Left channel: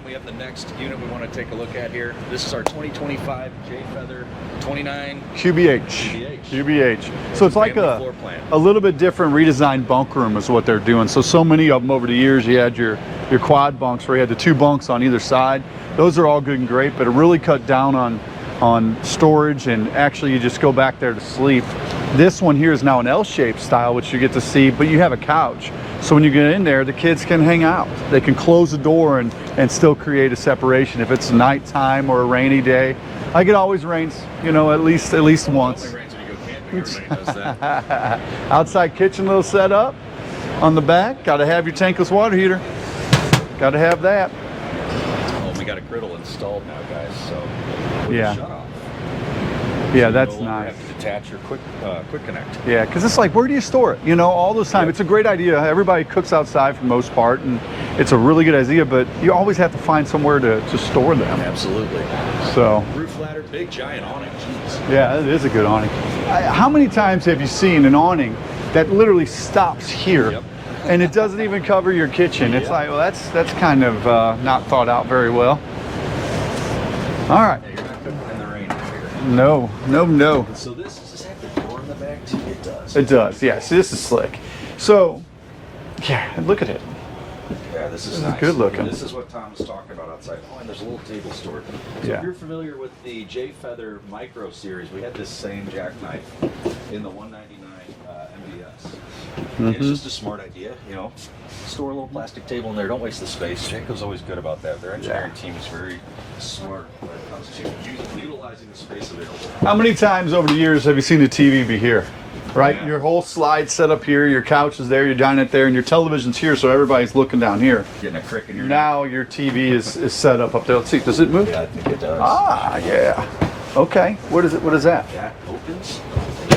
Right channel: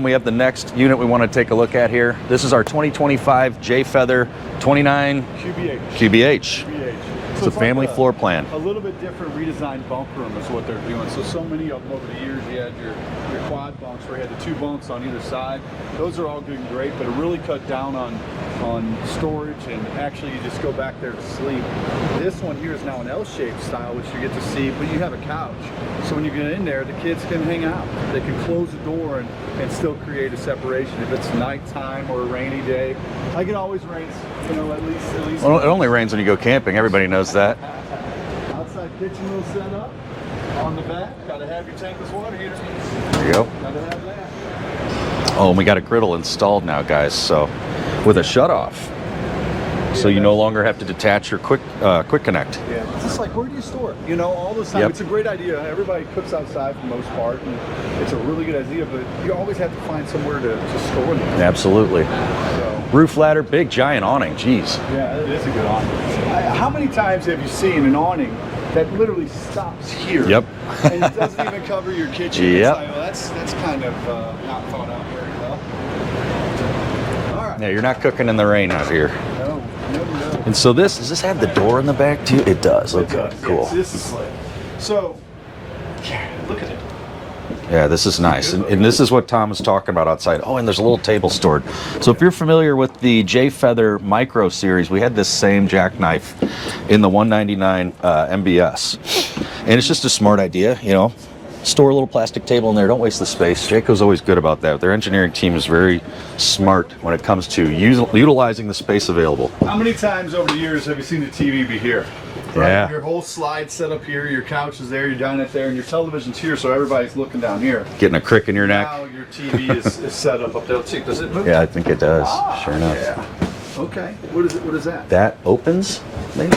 Tom, we have the next unit we want to take a look at here. This is our 2025 J Feather 29 QBH. QBH. So it's a family floor plan. A little bit different redesigned bunk room is what they're doing. So many of them over the years, you had your quad bunks where you had the 2 bunks on either side. Those are all good and great, but it really cut down on storage, and actually you just go back there to sleep. This one here is now an L-shaped style, which you get to see, but you have a couch. So when you get in there, the kids can hang out. They can close the door and still create a separation. If it's nighttime or a rainy day, like it always rains, you know, at least well, once. It only rains when you go camping. Everybody knows that. Outside kitchen little setup on the back. Got to have your tankless water heater. There you go. Got to have that. Oh, and we got a griddle installed now, guys. So with a shutoff. Yeah, so you no longer have to detach your quick connect. Yeah, because it's like, where do you store it? You know, all those times. Yep. It's a great idea. Everybody cooks outside for the most part, and it's a really good idea, but you always have to find somewhere to store them. Absolutely. So roof ladder, big giant awning. Jeez. Yeah, it is a good awning. How many times have you seen an awning that literally stops here? Yep. And it doesn't even cover your kitchen? Yep. It's like, well, that's kind of not thought out very well. All right. Yeah, you're not cooking in the rain out here. No. And so does this have the door in the back too? It does. It does, cool. yeah. See, this is slick. So, yeah, look at it. Yeah, this is nice. And this is what Tom was talking about outside. Oh, and there's a little table stored. So if you're familiar with the J Feather Micro series, we had this same jackknife in the 199 MBS. And it's just a smart idea, you know. Store a little plastic table in there. Don't waste the space. Jayco's always good about that. Their engineering team is very smart when it comes to utilizing the space available. How many times over the years have you seen the TV be here? Right? Yeah. Your whole slide set up here, your couch is there, your dining there, and your television's here, so everybody's looking down here. Getting a crick in your neck. Now your TV is set up there. Let's see, does it move? Yeah, I think it does. Ah, Sure enough. yeah. Okay, what is it? What is that? That opens, maybe?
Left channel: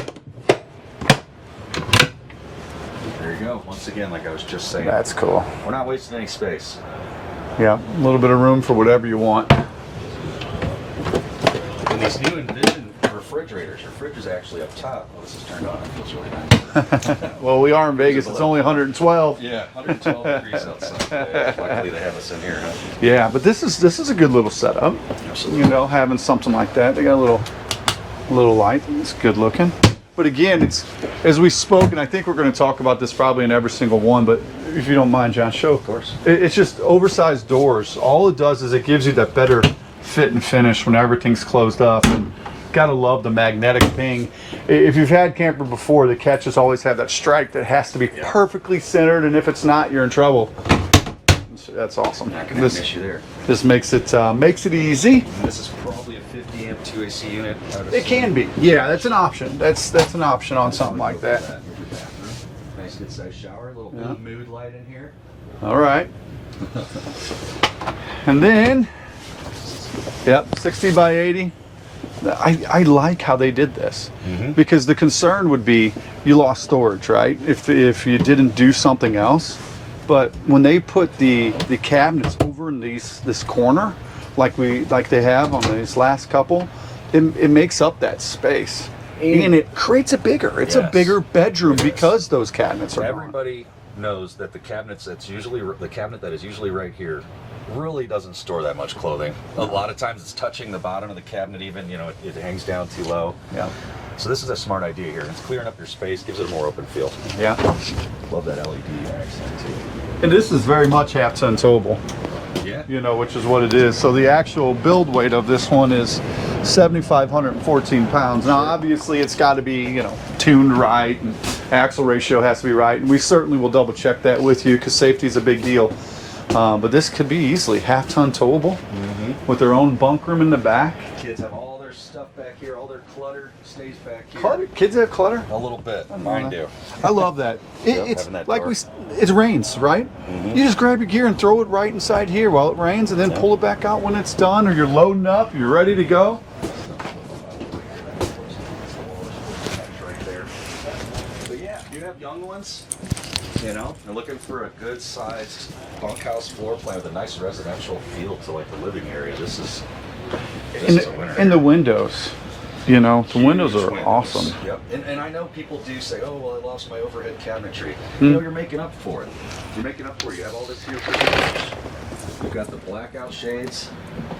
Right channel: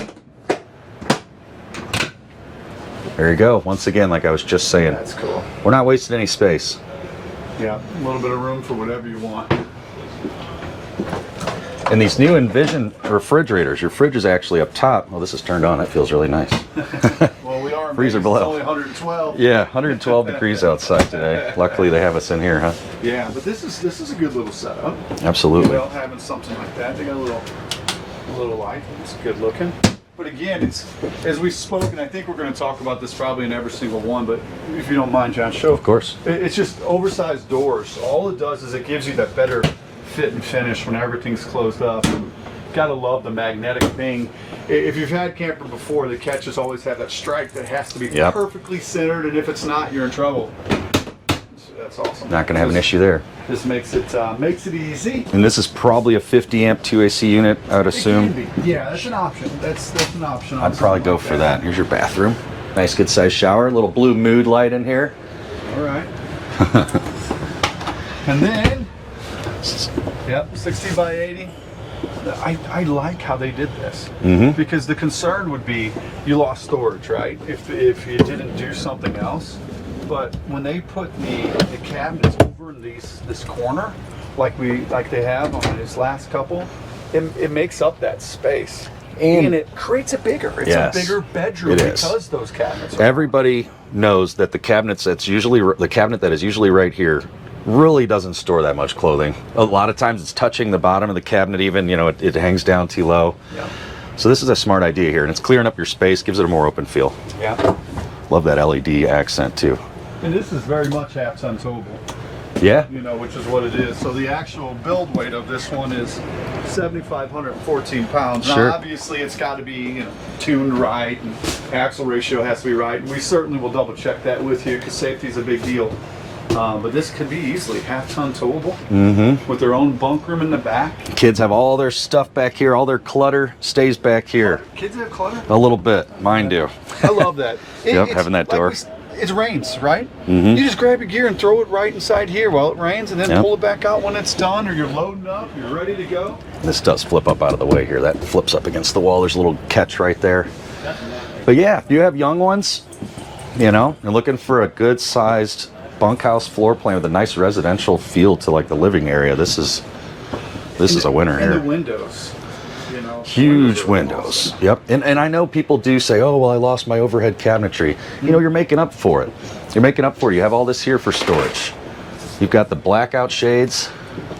There you go. Once again, like I was just saying. That's cool. We're not wasting any space. Yeah, a little bit of room for whatever you want. And these new Envision refrigerators, your fridge is actually up top. Well, this is turned on. It feels really nice. Well, we are in Freezer Vegas. below. It's only 112. Yeah, 112 degrees outside today. Luckily, they have us in here, huh? Yeah, but this is a good little setup. Absolutely. You know, having something like that. They got a little light. It's good looking. But again, it's, as we spoke, and I think we're going to talk about this probably in every single one, but if you don't mind, John, show. Of course. It's just oversized doors. All it does is it gives you that better fit and finish when everything's closed up. Gotta love the magnetic ping. If you've had camper before, the catches always have that stripe that has to be perfectly centered, and if it's not, you're in trouble. That's awesome. Not going to have an issue there. This makes it easy. And this is probably a 50 amp 2AC unit, I would assume. It can be. Yeah, that's an option. That's an option on I'd probably something go like for that. Here's your bathroom. Nice good sized shower. Little blue mood light in here. All right. And then, yep, 60 by 80. I like how they did this, because the concern would be you lost storage, right? If you didn't do something else. But when they put the cabinets over in this corner, like they have on this last couple, it makes up that space, and it creates it bigger. It's a bigger bedroom because those cabinets are Everybody knows that the cabinet that is usually right here really doesn't store that much clothing. A lot of times it's touching the bottom of the cabinet even, you know, it hangs down too low. Yeah. So this is a smart idea here, and it's clearing up your space, gives it a more open feel. Yeah. Love that LED accent too. And this is very much half-ton towable. Yeah. You know, which is what it is. So the actual build weight of this one is 7,514 pounds. Now, obviously, it's got to be, you know, tuned right, and axle ratio has to be right. And we certainly will double check that with you, because safety is a big deal. But this could be easily half-ton towable with their own bunk room in the back. Kids have all their stuff back here. All their clutter stays back here. Kids have clutter? A little bit. Mine do. I love that. Having that door. It rains, right? You just grab your gear and throw it right inside here while it rains, and then pull it back out when it's done, or you're loading up, you're ready to go. This does flip up out of the way here. That flips up against the wall. There's a little catch right there. But yeah, if you have young ones, you know, and looking for a good sized bunkhouse floor plan with a nice residential feel to like the living area, this is a winner here. And the windows. You know, huge windows. Awesome. Yep. And I know people do say, oh, well, I lost my overhead cabinetry. You know, you're making up for it. You're making up for it. You have all this here for storage. You've got the blackout shades.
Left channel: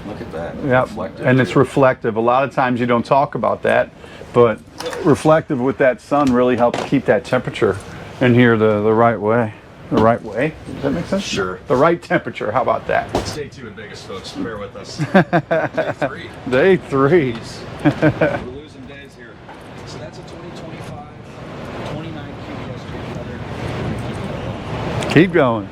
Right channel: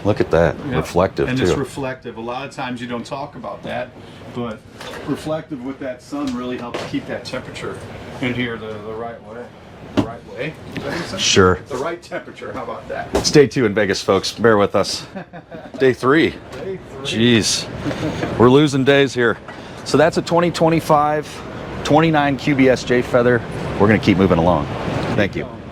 Look at that, Yep. reflective And too. it's reflective. A lot of times you don't talk about that, but reflective with that sun really helps keep that temperature in here the right way. The right way? Does that make sense? Sure. The right temperature. How about that? It's day 2 in Vegas, folks. Bear with us. Day 3. Day 3. Jeez. We're losing days here. So that's a 2025 29 QBS J Feather. We're going to keep moving along. Keep going.